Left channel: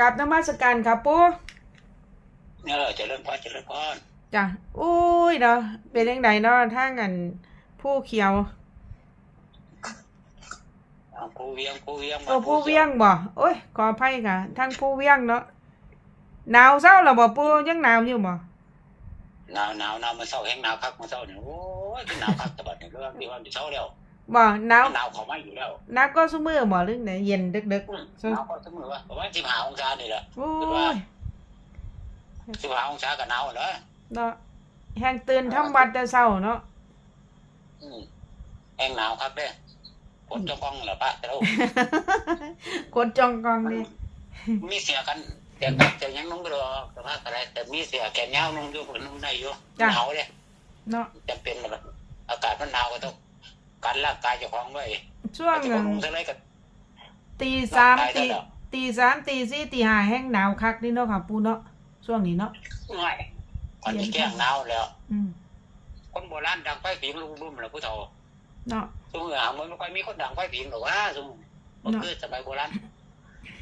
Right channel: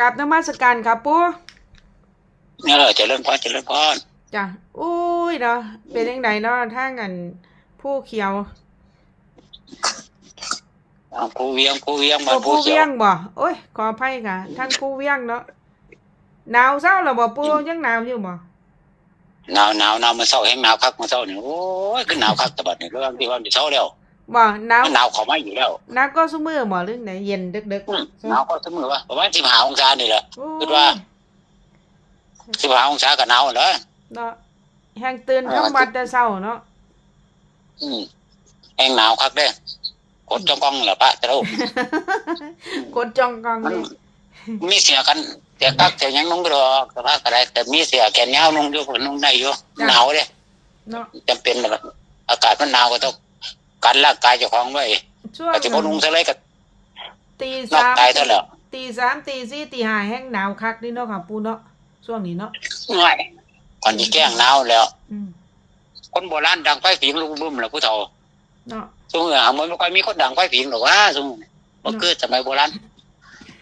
กราบนมัสการครับปูเออเจริญพรเจริญพรจ้ะอุ้ยเนาะเป็นยังไงเนาะทางอันผู้เขียวเอาผู้เวียงผู้เวียงโอ้มาผู้เวียงบ่โอ้ยขออภัยค่ะทางผู้เวียงเนาะหนาวเศร้าหรอบ่ปูยังหนาวอยู่บ่หนาวหนาวหนาวมันเศร้าแห้งหนาวคักมันเศร้าเนี่ยโอ้ยคือหนาวคักแต่บัดนี้เรื่องที่ว่ามันเศร้าแล้ว บ่หนาวมันหนาวเขามาอยู่แล้วหนาวก็ซุมื้อบ่หรือไหนเย็นดึกอืมๆหนาวก็เสมอว่าประมาณสิบห้าองศานี่แหละโอ้คิดว่ายสิบห้าองศาก็หนาวแล้วเนาะแห้งตื่นทำวัดแต่เช้าเนาะอืมแห้งหนาวคักเด้กดจ้องกล้องเหรอปะแต่เรากดจองกองมันนี่มีเสียกันเสียกักเสียหยังนุ่งก็ดอกแต่ว่าอะไรแต่มีเสียแขนยาวนุ่งอยู่นุ่งได้อยู่หนาวเด้เนาะจำเป็นแบบอากาศมันหนาวก็ต้อง กันร่างกายเจ้าของไว้ช่วงอาจจะบ่นุ่งซะเลยก็ตีนอกสามตายตีซะแล้วตีสามตีสี่ตีห้าแห้งหนาวคักนี่เนาะค่ะปูเนาะช่วงนี้เนาะง่ายก่อนที่แก้งหนาวแล้วอืมคนโบราณดังไฟผิงลูกบึ้มแหละผู้เฒ่าเนาะซุมื้อหามันไม่ค่อยมีคนดังไฟผิงหรอกว่าซุมื้อบ่คือสมัยโบราณ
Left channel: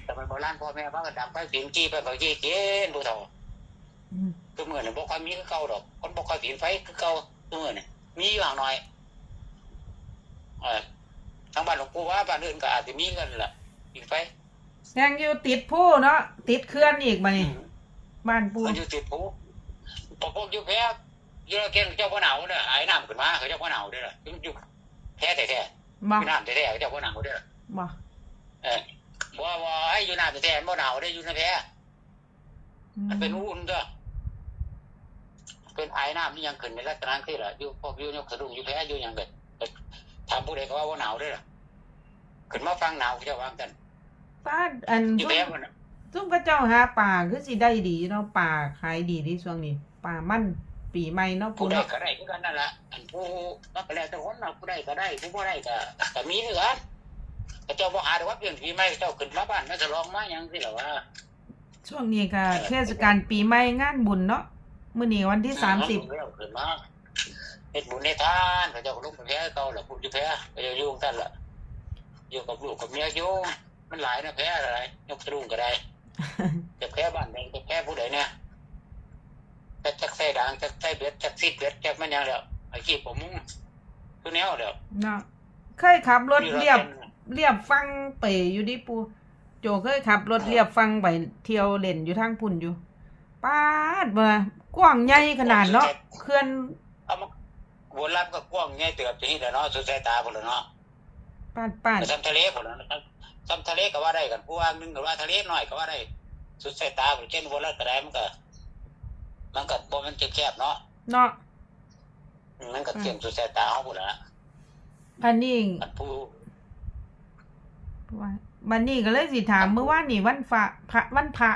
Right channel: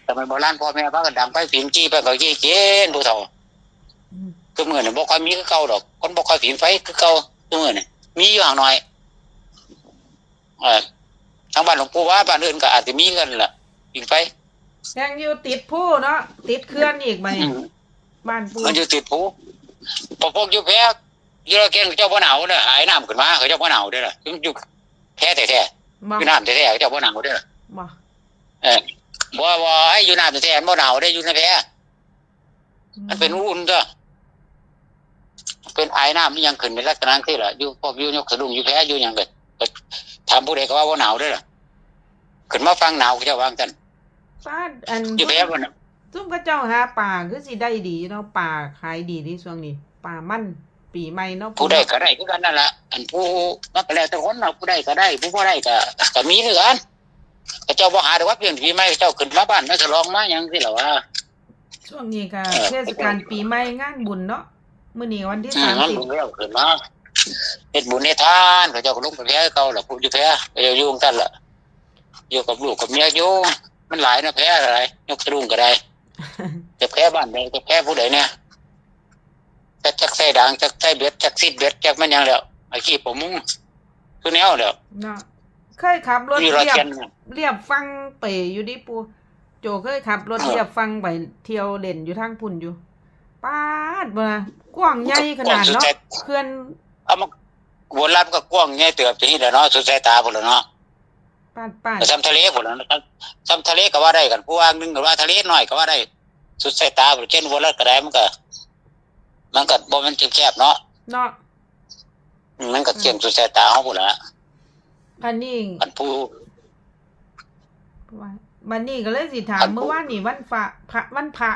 สมัยโบราณพ่อแม่พากันดังไฟผิงจี้ไปก็จี้เจนผู้เฒ่าอืมคือมื้อนี่บ่ค่อยมีคือเก่าดอก คนบ่ค่อยผิงไฟคือเก่าซุมื้อนี่มีอยู่ห่างหน่อยเออ ทางบ้านหลวงปู่ว่าบ้านอื่นก็อาจจะมีกันล่ะผิงไฟแห้งอยู่ติดผู้เนาะติดเคลื่อนอีกบัดอืนี้มบ้านปูมันอยู่ติดภูพอพวกอยู่แพ้อยู่ระเกียงเจ้าบ่หนาวเด้อหายน้ำขึ้นมาเขาเจ้าบ่หนาวเด้อล่ะอยู่แพ้แท้ๆบ่อยู่น้ำแท้ๆเขาเจ้าบ่หนาวเด้อบ่เออบ่บ่ให้อยู่น้ำแท้ๆมันบ่หนาวได้อยู่ในแพมันเป็นอุ่นเด้อเป็นไอ้น้ำนี่ยังขึ้นในลักษณะที่ล่ะอยู่พวกอยู่ยกสะดุ้งอยู่แพ้อยู่หยังเลยก็ ถามผู้ใดก็ว่าบ่หนาวเด้อล่ะขึ้นมาฟังหนาวเขาเจ้าวางกันฟ้าอันอยู่แพ้บ่น่ะซุ่มกระเจ้าหาป่าคือสิได้ดีเนาะป่าขายดีที่ช่วงนี้ป่ามันปีใหม่เนาะผู้ใดก็ได้คือกันนั่นล่ะอันผู้มันก็แล้วแต่คนเนาะผู้ใดก็ได้ ผู้บ่ได้ก็ก็มีคือกันเขาเจ้าบ่หาแต่ว่าเพียงปีใหม่เขาเจ้าขึ้นมาบ้านมาฉลองมาหยังสิล่ะว่าช่วงนี้ก็เออเทศกาลปีใหม่งานบุญเนาะมื้อนี้วันที่อืสามมันสิบ บุญแล้วขึ้นมาเฮ็ดบุญเฮ็ดทานเขาเจ้าก็ลงไปแพ้เก่าล่ะผู้อยู่แพ้เขาเจ้าอยู่ของท่านล่ะอยู่กับลูกกับเมียอยู่มันหลายนะแพ้อะไรยกสะดุ้งก็ได้จะแพ้บ้านใดจะแพ้ผู้ใดเนี่ยจักจักใส่ด่างจักใส่เบ็ดจักซิดเบ็ดจักมันหยังแล้วอาชีพผมมุงคือแนวแล้วเนาะเคยขับรถมีรถเรียบเข็นเรียบฟังไปอยู่ดิปูโจเคยขับรถเรียบฟังไปเที่ยวเล่นอยู่ทางพุ่นอยู่ป้าดบ่ล่ะกว้างใหญ่ขนาดเนาะเขื่อน เอามาโบราณก็กว้างใหญ่เติบจะนี่แหละเนาะสุดสายตาพุ่นแล้วเนาะป้าดป้าดซ้ำทะเลพุ่นแล้วนะครับซ้ำทะเลก็ว่าได้กันผู้ว่านึงก็ว่าทะเลน้อยก็ว่าได้ สุดสายตาพุ่นเช่นโบราณก็ได้มันก็ มันก็บ่มันแคบๆเนาะเนาะมันก็เกี่ยงสุดสายตาเฮาพุ่นละอันนี้มันผู้ว่าบันนี้ก็เลยสิถามอันเมื่อวานนี่วันพระพระวันพระ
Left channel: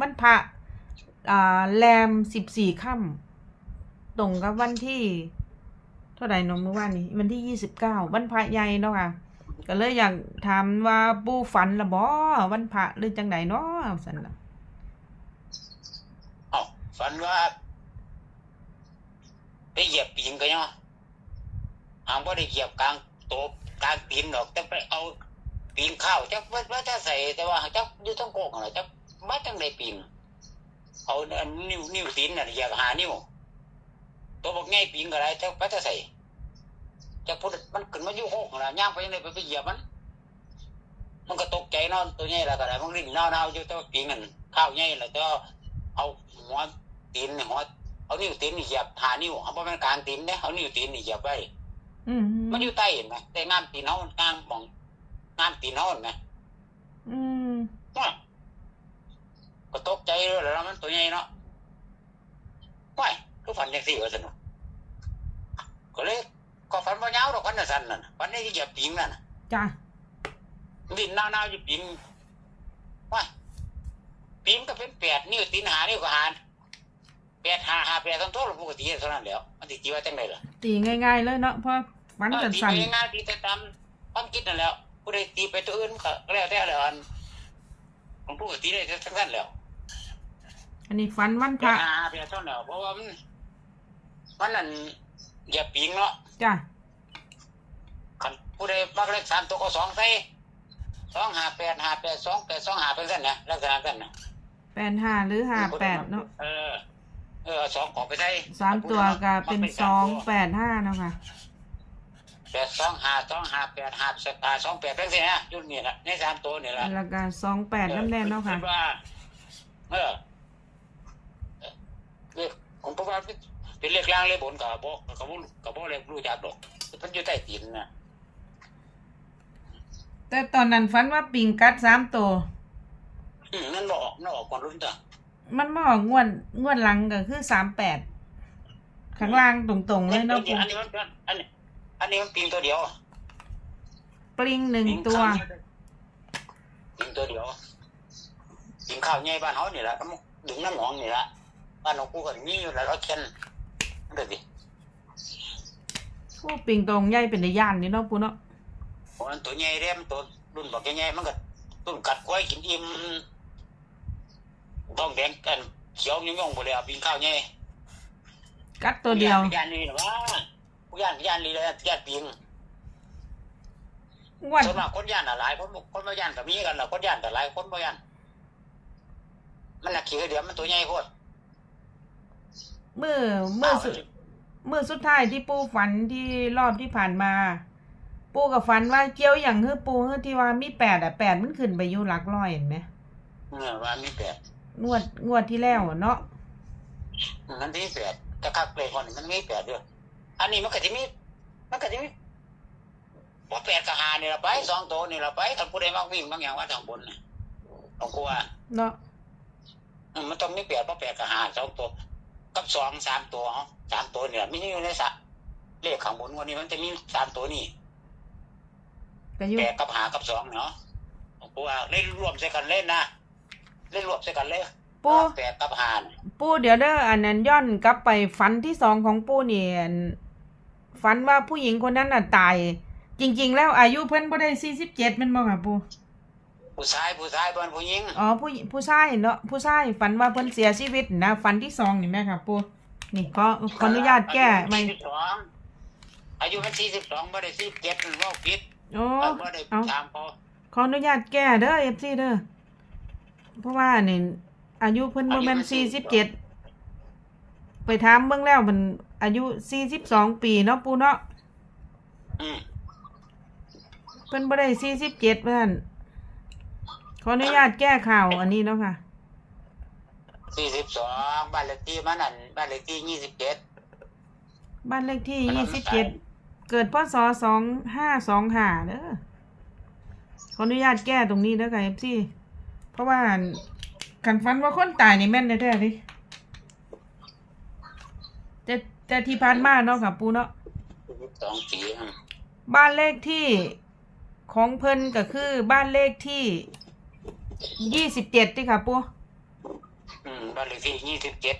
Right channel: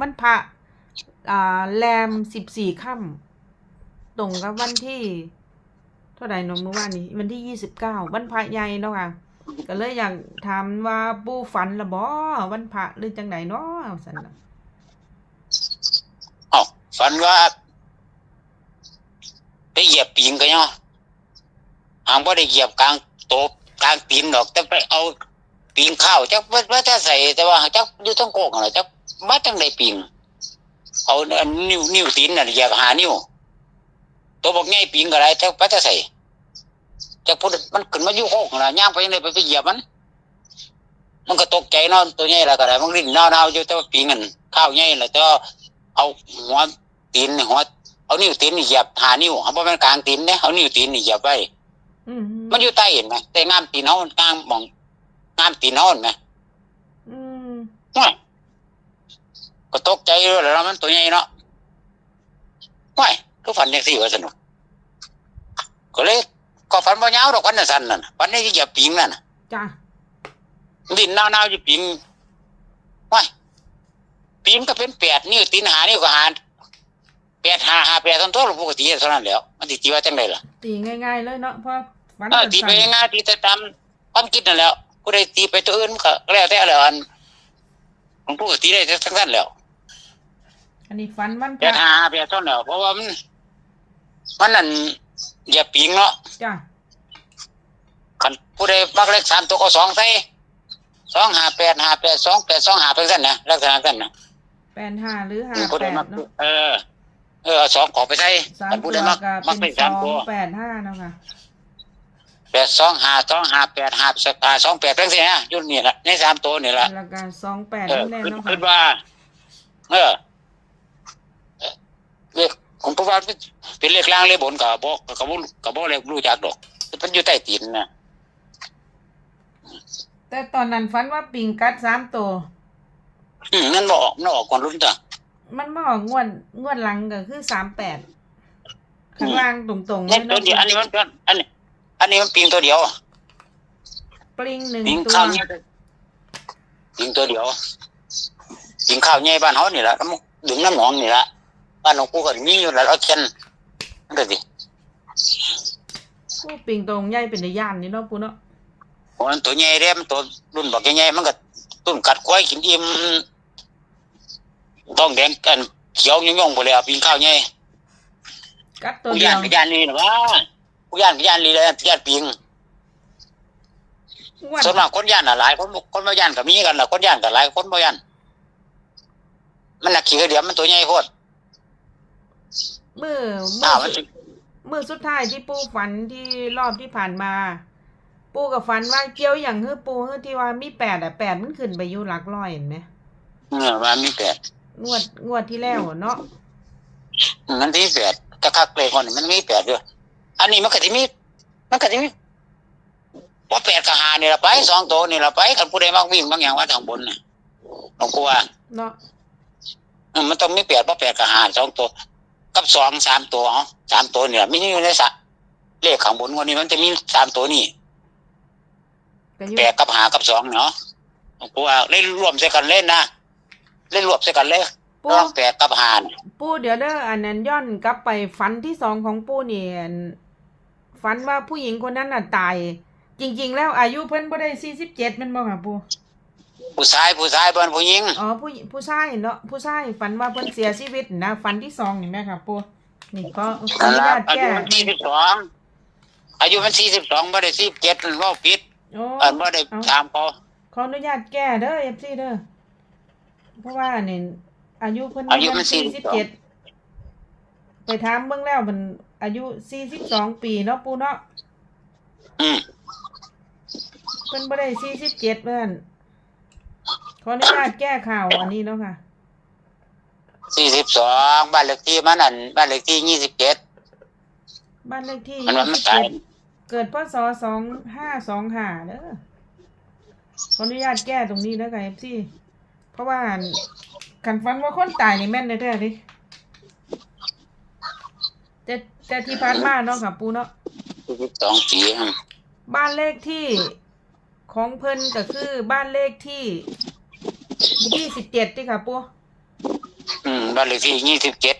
วันพระอ่าแรมสิบสี่ค่ำ ตรงกับวันที่ เท่าไหร่นอะเมื่อวานนี้ วันที่ยี่สิบเก้าวันพระใหญ่เนาะค่ะก็เลยอยากถามว่าปูฝันละบ่วันพระหรือจังไหนเนาะสันนะเอ้าฝันว่าไปเหยียบปีนก็เนาะหางบ่ได้เหยียบกลางโตะกลางปีนดอก แต่ไปเอาปีนข้าวจักว่าว่าจะใส่แต่ว่าจักอยู่ทั้งโกกน่ะจักมาจังไดปีนเอาอันนิ้วนิ้วตีนน่ะเหยียบหานิ้ว ตัวบอกใหญ่ปีนก็ได้จักว่าจะใส่จักพูดมันขึ้นมาอยู่โคกน่ะย่างไปเลยไปไปเหยียบมัน มันก็ตกใจเนาะตัวใหญ่แล้วก็ได้มันริ้นนาวๆอยู่แต่ว่าปีนกันข้าวใหญ่แล้วก็เอาหัวตีนนี่หัวเอานิ้วตีนนี่เหยียบหานิ้วเอาบ่แม่นกลางตีนเด้เอานิ้วตีนนี่เหยียบไว้อืมมันอยู่ใต้เห็นไหมแต่งามตีนเฮางามมองงามตีนเฮาเห็นไหมอืมว้ายก็ตกใจเลยแล้วมันตัวใหญ่เนาะว้าย ก็ฝันจังซี่ว่าสนุกก็เลยก็ฝันบ่ยาวดอกฝันน่ะสั้นนั่นน่ะฝันได้เหยียบปิงนั่นน่ะจ้ะดินนาวๆอยู่ปิงว้ายปิงก็เป็นแปดนิ้วตีนหานิ้วก็หาแปดหาหาแปดทั้งตัวปกติเท่านั้นแหล้ว มันสิตีว่าจังไดล่ะ ตีง่ายๆเลยเนาะเพราะฝันเออตีสั้ไปนง่ายๆตีแต่ตามความคิดนั่นแหล้วผู้ใดตีไปตัวอื่นมันก็แล้วแต่แล้วอันผมพูดตีได้ทั้งนั้นแหล้วๆอันนี้ฝันวันพแประดหาแปดเท่านั้นแหล้วเพราะว่ามัน มันนั่นอย่าปิงเนาะจ้ะคันผู้ใดมักเลขสามตัวก็สองใส่สองห้าแปดห้าแปดสองแปดสองห้าเป็นสั้นนะลักษณะสั้นนะแปดห้าหรือห้าแปดเนาะเออ เออเอาสองขอไปใส่สามนพูตัดวได้ก็มัเป็นสสามองตัวแปดห้าเนาะค่ะแปดสองห้าสองห้าแปดห้าสห้าสองแปดเป็นสินะอยุ่นนี่แหละในสามตัวนี่แหละ แล้วก็สองแปดเออนั่นแน่เนาะคิค่ะดว่า เออเรียก ผมพูดว่าเป็นเลขล่างเลขบนกับบอกกับบอกกับบอกเลขรู้จักดอกมันอยู่ใต้ตีนนะแต่ตอนนั้นฝันว่าปิงกัดสามตัวอืมนั่นบอกนั่นออกก่อนรุ่นจ้ะมันมาออกงวดงวดหลังก็คือสามแปดข้างล่างตรงๆเลนี่ยตัวเนาะเดียวอันนี้มันอันนี้ อันนี้มันปิงตัวเดียวปลิงหนึ่งปิงตัวข้าวเนี่ยปิงตัวเดียวปิงข้าวใหญ่บ้านเขานี่แหละน้ำดึงน้ำหนองนี่แหละ บ้านของกูก็มีอยู่แล้วเอาเช่นนั่นก็สิผู้ปิงตรงใหญ่เป็นในย่านนี่เนาะปูเนาะโอ้มันตัวใหญ่เด้มันตัวรุ่นบอกใหญ่ๆมันก็ต้นกัดควายกินอิ่มต้องแดงกันเขียวย่องๆไปเลยอะปิงข้าวใหญ่กัดตัวผู้เดีย่ายวนผู้ย่านนี่นะว่าผู้ย่านผู้ย่านนี่เลยผู้ย่านปิงงวดส่วนมากคนย่านน่ะหลายคนคนบ่ย่านก็มีกันล่ะคนย่านก็หลายคนบ่ย่านมันน่ะขี้กระเดียมมันตัวใหญ่โคตร มือมือ้าอวมันสุดสิมือสุดท้ายที่ปูฝันที่รอบที่ผ่านมา ปูกับฝันว่าเกี่ยวอย่างเฮ้อปูเฮ้อที่ว่ามีแปดอะแปดมันขึ้นไปอยู่หลักร้อยเห็นไหมเงื่อมามีแปดงวดงวดที่แล้วอะเนาะมันที่แปดตะคักเลยคนนี่มันมีแปดด้วยอันนี้มันก็สิมีมันก็สิมีว่าแปดกับหานี่ละไปสองตัวนี่ละไปกันผู้ใดมักวิ่งบางอย่างว่าทางบนน่ะต้องกลัวเนาะเออมันต้องมีแปดเพราะแปดกับหาสองตัว กับสองสามตัวอ๋อสามตัวเนี่ยไม่ใช่อยู่ในสระเลขข้างบนวันนี้มันจะมีสามตัวนี่ก็อยู่แปดกับหากับสองเนาะต้องกลัวเล่นรวมใส่กันเล่นนะเล่นรวมใส่กันเลยปูน้องแปดกับหาเนี่ยปูเดี๋ยวเด้ออันนั้นย้อนกลับไปฝันที่สองของปูนี่อันฝันว่าผู้หญิงคนนั้นน่ะตาย จริง ๆ แล้วอายุเพิ่นบ่ได้สี่สิบเจ็ดมันบ่ค่ะปู ผู้ชายผู้ชายเป็นผู้หญิงอ๋อผู้หญิผู้ชายเนาะผู้ชายฝันว่าเพิ่นเสียชีวิตนะฝันที่สองนี่แม่ค่ะปูนี่ก็ขออนุญาตแก้อายุไม่สี่สิบสองอายุมันสี่สิบสองไม่ได้สี่สิบเจ็ดว่าผิดโอ้อันไม่ได้เอาตามพอขออนุญาตแก้เด้อเอฟซีเด้อเพราะว่านี่อายุเพิ่นบ่แม่นสี่สิบเจ็ดไปถามเบิ่งแล้วมันอายุสี่สิบสองปีเนาะปูเนาะอืมเพิ่นบ่ได้สี่สิบเจ็ดเพื่อน ขออนุญาตแก้ข่าวอันนี้เนาะค่ะสี่สิบสองบ้านเลขที่มันนั่นบ้านเลขที่ยี่สิบเจ็ดบ้านเลขที่มันยี่ว่ามันสิบตาเจ็ยดเกิดพศสองห้าสองห้าเด้อขออนุญาตแก้ตรงนี้เด้อค่ะเอฟซีเพราะว่าคันฟันว่าคนตายนี่แม่นแท้ๆดิแต่แต่ที่ผ่านมาเนาะค่ะปูเนาะ สี่สิบสองปีอืมบ้านเลขที่ของเพิ่นก็คือบ้านเลขที่ ยี่สิบเจ็ดที่ค่ะปูอืมบ้านเลขที่ยี่สิบเจ็ด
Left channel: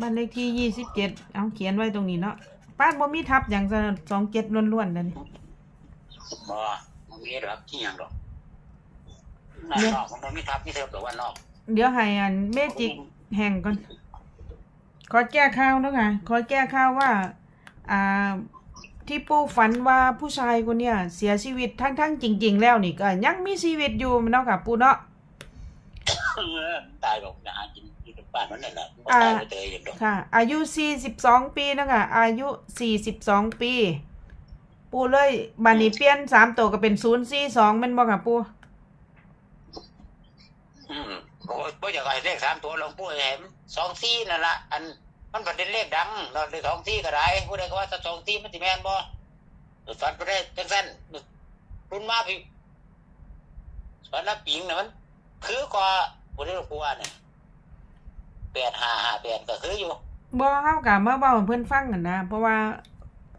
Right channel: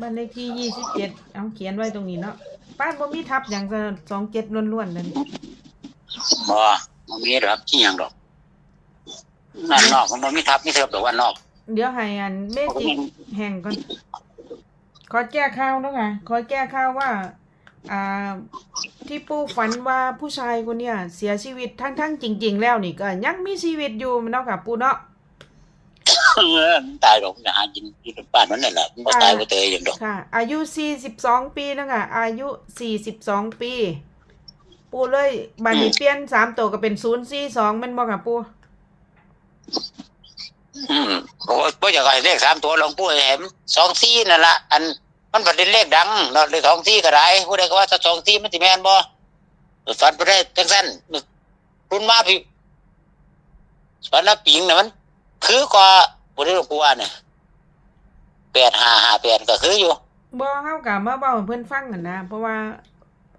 บ้านเลขที่ยี่สิบเจ็ดเอาเขียนไว้ตรงนี้เนาะบ้านบ่มีทับอย่างสองเจ็ดล้วนๆนั่นบ่มันมีรับที่อย่างดอกนั่นนอกมันมีทับมีเทอแต่ว่านอก เดี๋ยวให้อันเมจิกแห่งก่อนขอแก้ข่าวเนาะค่ะขอแก้ข่าวว่า อ่า ที่ปู่ฝันว่าผู้ชายคนเนี้ยเสียชีวิตทั้งๆจริง ๆ แล้วนี่ก็ยังมีชีวิตอยู่เนาะค่ะปู่เนาะ เออมันตายดอกนะหากินที่บ้านมันนั่นแหละมันบ่ตายบ่เตยอย่างดอกค่ะ อายุ 42 ปีนะคะอายุ 42 ปี ปูเลยบานี้เปลี่ยนสามตัวก็เป็น 042แม่นบ่ค่ะปู อืมโอ้ยบ่อยากให้เลขสามตัวหลวงปู่ให้เห็นสองสี่นั่นละอัน มันประเด็นเลขดังเนาะเลขสองสี่ก็ได้ผู้ใดก็ว่าถ้าสองสี่มันสิแม่นบ่ฝันไปได้จังซั่นรุ่นมาพี่ฝันละปิงน่ะมัน คือกว่าบ่ได้หลวงปู่ว่าเนี่ย8558ก็คืออยู่บ่เฮากะมาเว้าให้เพิ่นฟังกันนะเพราะว่า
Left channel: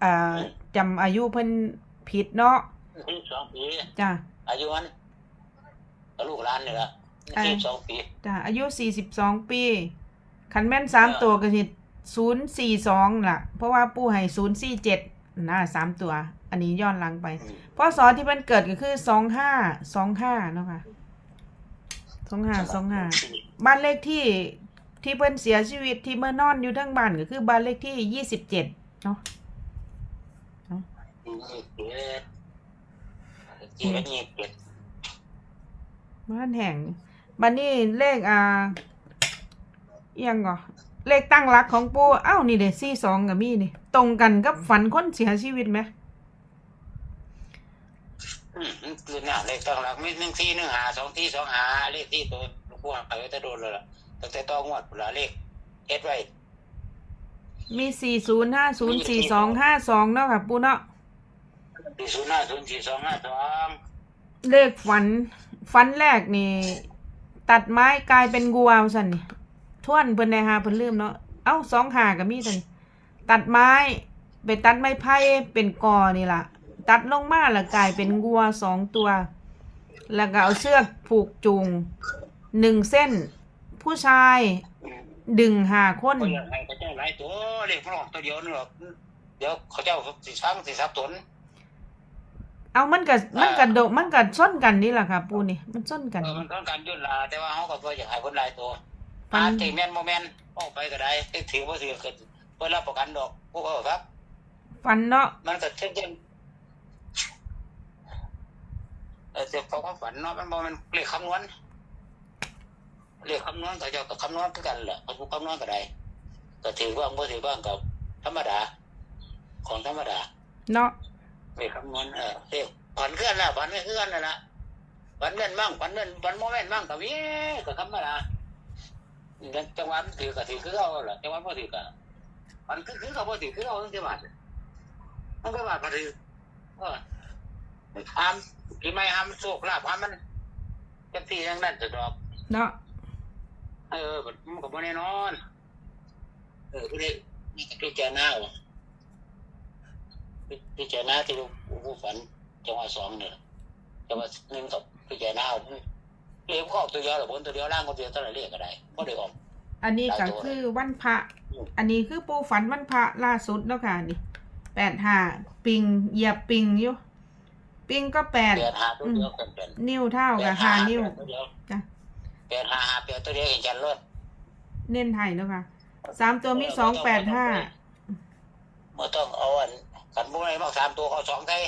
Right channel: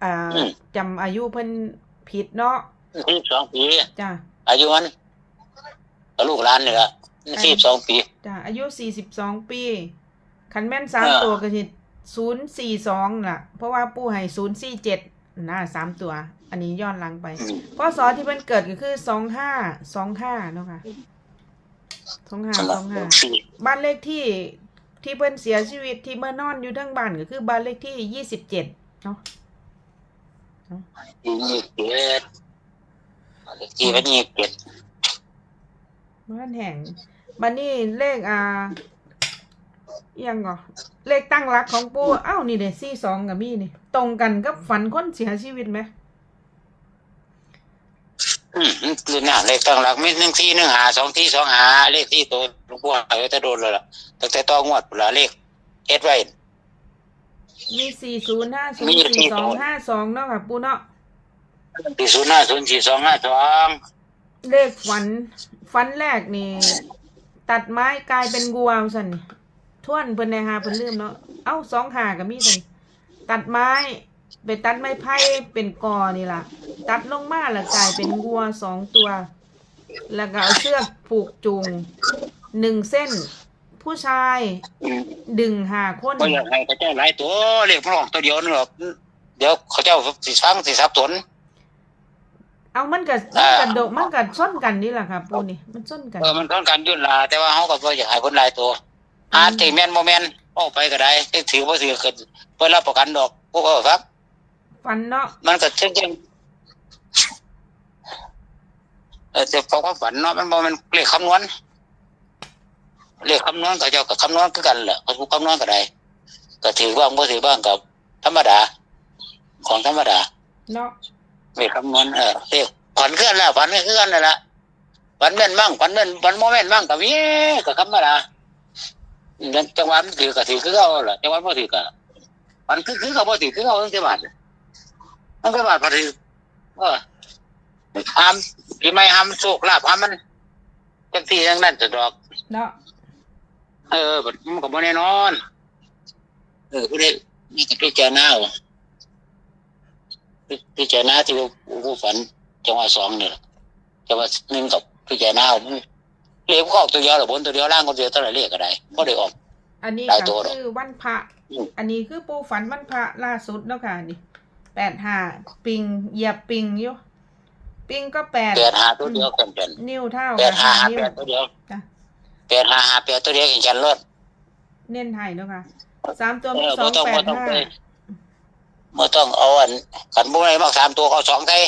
อ่าอืมจำอายุเพิ่นผิดเนาะ42ปีจ้ะอายุมันก็ลูกหลานนี่ล่ะ42ปีจ้ะอายุ42ปีคันแม่นสามเออตัวก็สิ 042ล่ะ เพราะว่าปู่ให้047นะสามตัว อันนี้ย้อนหลังไปอืมพศที่เพิ่นเกิดก็คือ2525เนาะค่ะ2525บ้านเลขที่ที่เพิ่นเสียชีวิตที่เมื่อนอนอยู่ทั้งบ้านก็คือบ้านเลขที่ยี่สิบเจ็ดเนาะยี่สิบเจ็ดที่วันนี้เจ็ดบ้านแห่งบันนี้เลขอ่าอิหยังก่อ เลขตั้งรักของปูเอ้านี่เด้สี่สองกับมีนี่ ตรงกันกับฝันคนเสียชีวิตไหมอืมคือหน้าเลขตั้งหลักมีหนึ่งที่หนึ่งหาสองที่สองหาเลขที่ตัวหลวงปู่หายไว้จะโดนเลยล่ะตั้งแต่ต้องงวดละเลขเอ็ดไว้มีสี่ศูนย์ห้าศูนย์สี่สองห้าสองเนาะค่ะปูเนาะสี่ศูนย์ห้าศูนย์สี่สองห้าสองเลขฝันฝันแรกนี่ ตัดไม้กลายเป็นงัวสันนี่ ท่วนเพิ่นในหาเพิ่นลืมเนาะเอ้าสองหากับมีสันตัดไม้ไปตัดไม้ไผ่เป็นกอนี่ล่ะ ตัดลงมาแล้วกลายเป็นงัวสองตัว แล้วก็เอาเชือกผูกจูงหนึ่งเส้น ผู้ชายอืมดึงหาคนก็อยากให้เขาเจ้าหลายตัวเลขมันออกตัวเดียวนึงหรอกเดี๋ยวเขาเจ้าสิฟังสิสับสนเอามันกับมันกับโดมันกับส้นกันนี่แหละค่ะปูนี่มันส้นกันเออมันต้องการยุ่นลาแต่ว่าเขาก็บ่อยากให้คนหลายตัว อาจจะแม่นบ่แม่นออกไปก็ได้ที่ถือบ่ถือก็เพิ่นรับประกันดอกพวกเขาครับฟันเนาะมันก็เช่นกันเออแต่พอความฝันเนาะมันบ่แมันเลขคำนวณเลขคำนวณก็เจ้าก็คำนวณคือกันแหละเขาผู้คำนวณก็ได้ก็ถือบ้างบ่ถือบ้างกับธรรมดา ของธรรมดา เนาะเลขคำนวณเออเลขฝันคือกันแล้วฝันก็คือกันนั่นแหละฝันแม่นมั่งฝันแม่นฝันบ่แม่นมั่งก็มีก็ธรรมดา นั่นจังหวะมันถือก็ถือคือเขาล่ะจังหวะบ่ถือก็ฝันคือคือเขาบ่ถือคือเขาตั้งแต่บาทตั้งแต่บาทพอถือเออห้ามปีใหม่ห้ามโชคลาภห้ามมันจังซี่จังนั้นจะดอกเนาะเออบัดมันก็บ่แน่นอน เออผู้ใดนี่ก็พิจารณาเอาพิพิจารณาที่ว่าผู้ฝันจังหวะสองเนี่ยจังหวะหนึ่งกับพิจารณาเอา เรียกก็ออกตัวเดียวหรือบนตัวเดียวล่างคนเดียวเท่าไหร่เรียกก็ได้ก็ได้ออก อันนี้หลายก็ตัวคือวันพระอืมอันนี้คือปูฝันวันพระล่าสุดเนาะค่ะนี่แปดห้าปิงเหยียบปิงอยู่ปิงก็แปดแปดหาตัวเดียวกันเป็นนิ้วเท่าแปกัดบหาห้าหานิ้วแปดตัวเดียวจ้ะแปดหาหาแปดตัวเดียวอย่างจันรถเน้นไทยเนาะค่ะสามตัวมีเออสองบ่ต้องแปดบ่ต้องห้าไปเมื่อต้องเอาอันขันบุ้งอะไรมากสามตัวเขาสองไทย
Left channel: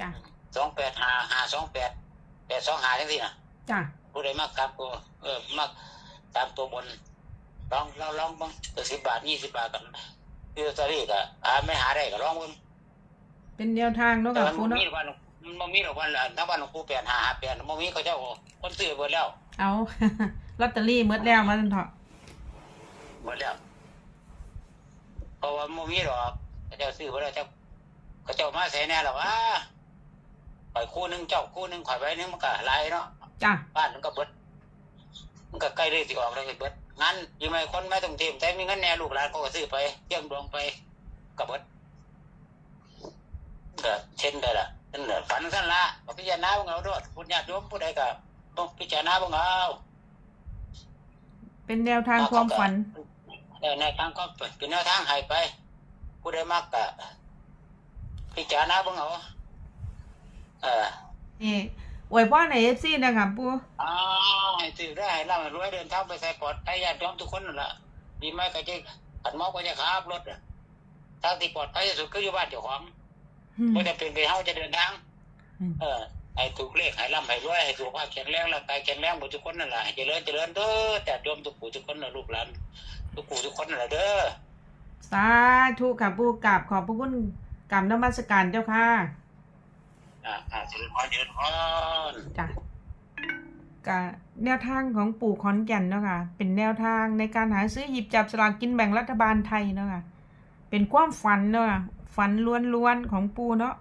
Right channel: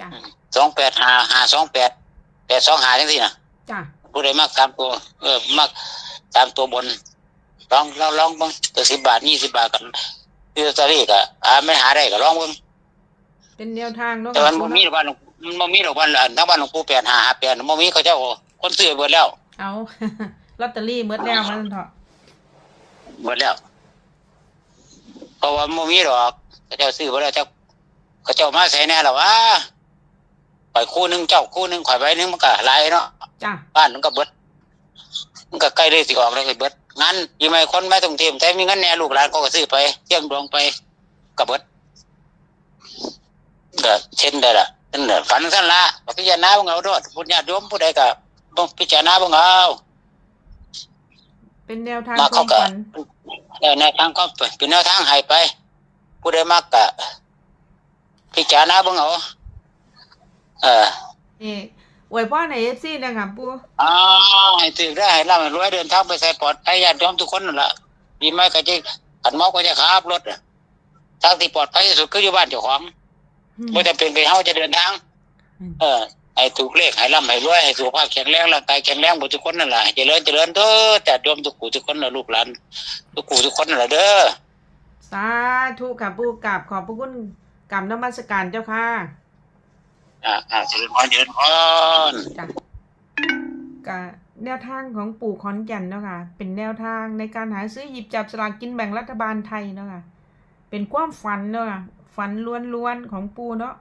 จ้ะสองแปดหาหาสองแปด แปดสองหาจังสี่นะจ้ะผู้ใดมากสามตัวเออมากสามตัวบนลองลองลองเบ้างตัวสิบบาทยี่สิบบาทกันที่ลอตเตอรี่ก็อ่าไม่หาได้ก็ลองเบ้างเป็นแนวทางเนาะแต่ค่ะมันปูบ่มีเนาะหรอกบ้านหลวงมันบ่มีหรอกบ้านอันทั้งบ้านหลวงปู่แปดหาหาแปดบ่มีเขาเจ้าคนซื้อเบิดแล้ว เอาลอตเตอรี่เมื่อแล้วมาเถอะเบิดแล้วเพราะว่าบ่มีหรอกเขาเจ้าซื้อเบิดแล้วเจ้าเขาเจ้ามาใส่แน่หรอวะ ข่อยคู่หนึงเจ้าคู่หนึงข่อยใบหนึงมันก็หลายเนาะจ้ะบ้านมันก็เบิดมันก็ใกล้เลยสิออกแล้วก็เบิดงั้นยังไงคนไม่ต้องเตรียมแต่มีเงินแหน่ลูกหลานก็ก็ซื้อไปเที่ยงดวงไปก็เบิดก็เช่นได้ละนั่นแหละฝันสั้นละก็พิจารณาเบิ่งเอาด้วยผู้ญาติโยมผู้ใดก็ต้องพิจารณาเบิ่งเอา เป็นแนวทางมาควาเขามก็ฝัน เออแนวทางก็เป็นแนวทางให้ไป ผู้ใดมักก็พิจารณาเบิ่งเอา เออนี่อวยพ่อในเอฟซีนะคะปูอ้าวให้ตื่นได้ให้ร่ำให้รวยเดินทางไปใส่ปลอดภัยญาติโยมทุกคนนั่นแหละดีไหมก็จะขันเมาก็จะขับรถอะทางที่ปลอดภัยที่สุดคืออยู่บ้านเจ้าของไม่ได้เป็นไปเฮาจะเดินทาง เออให้ถูกเลขให้ร่ำให้รวยให้สุขภาพแข็งแรงร่างกายแข็งแรงหมดทุกคนนั่นแหละให้เจริญเจริญเด้อแต่โยมทุกผู้ทุกคนนะลูกหลานทุกผู้ทุกคนนั่นแหละเด้อ สาธุค่ะปูกราบขอบพระคุณกรรมนมัสการเจ้าค่ะ อ่าอ่าเจริญพรเจริญพรจ้ะกะแนวทางของปู่ขอนแก่นเนาะค่ะ เป็นแนวทางในการหาซื้อหยิบจับสลากกินแบ่งรัฐบาลไทยเนาะค่ะ เป็นความฝันเนาะค่ะ ฝันล้วนๆของปู่เนาะ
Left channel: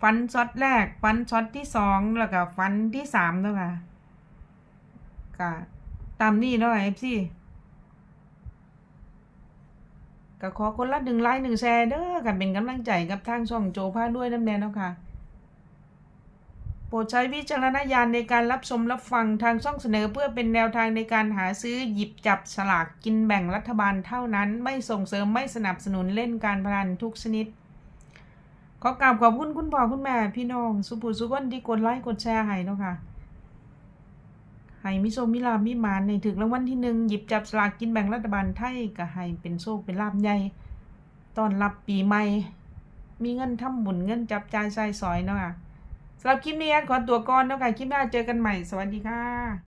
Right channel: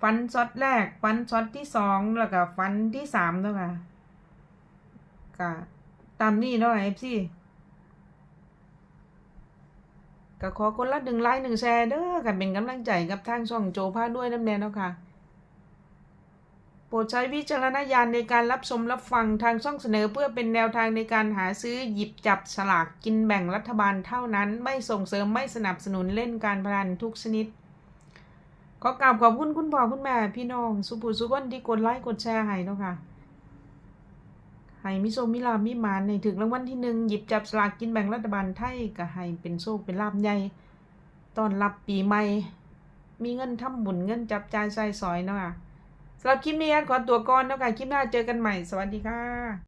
ฝันช็อตแรก ฝันช็อตที่สองแล้วก็ฝันที่สามเนาะค่ะกะตามนี้เนาะเอฟซีก็ขอคนละหนึ่งไลค์หนึ่งแชร์เด้อกันเป็นกำลังใจกับทางช่องโจพาด้วยน้ำแน่เนาะค่ะ โปรดใช้วิจารณญาณในการรับชมรับฟังทางช่องเสนอเพื่อเป็นแนวทางในการหาซื้อหยิบจับสลากกินแบ่งรัฐบาลเท่านั้น ไม่ส่งเสริมไม่สนับสนุนเล่นการพนันทุกชนิด ขอกราบขอบคุณคุณพ่อคุณแม่พี่น้องสุภูสุกนที่กดไลค์กดแชร์ให้เนาะค่ะให้มิโซมิลามิมานในถึงรางวัลที่หนึ่งหยิบจับสลากกินแบ่งรัฐบาลไทยก็ให้เป็นโชคเป็นลาบใหญ่ตอนรับปีใหม่ มีเงินทำบุญเงินจับจ่ายใส่สอยเนาะค่ะ สำหรับคลิปนี้ขอตัวก่อนแล้วกันคลิปหน้าเจอกันใหม่ สวัสดีค่ะ